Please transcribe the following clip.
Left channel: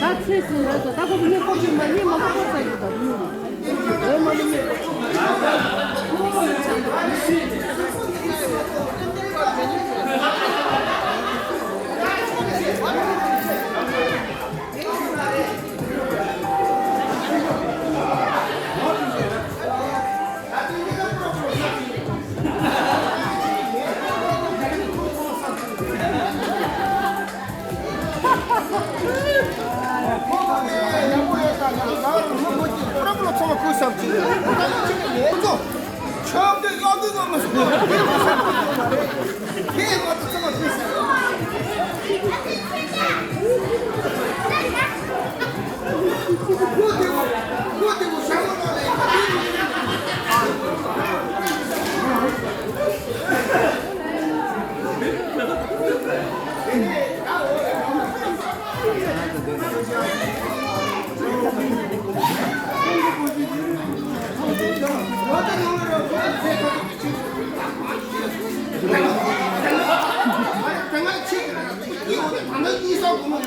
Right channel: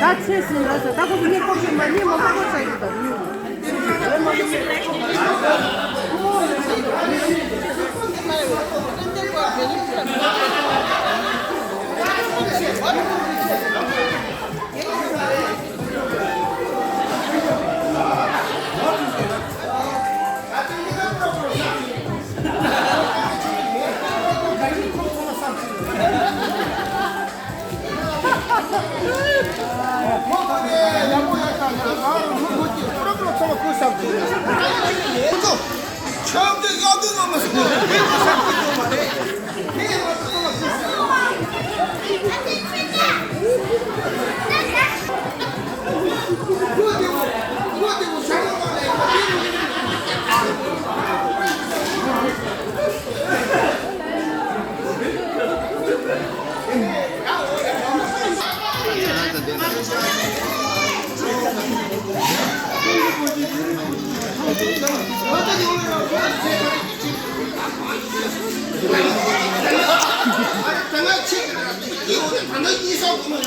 Da, ce sunt asta? Dacă vine copii mai mie, mă fac să nu dau. 이거 방금 이사 보면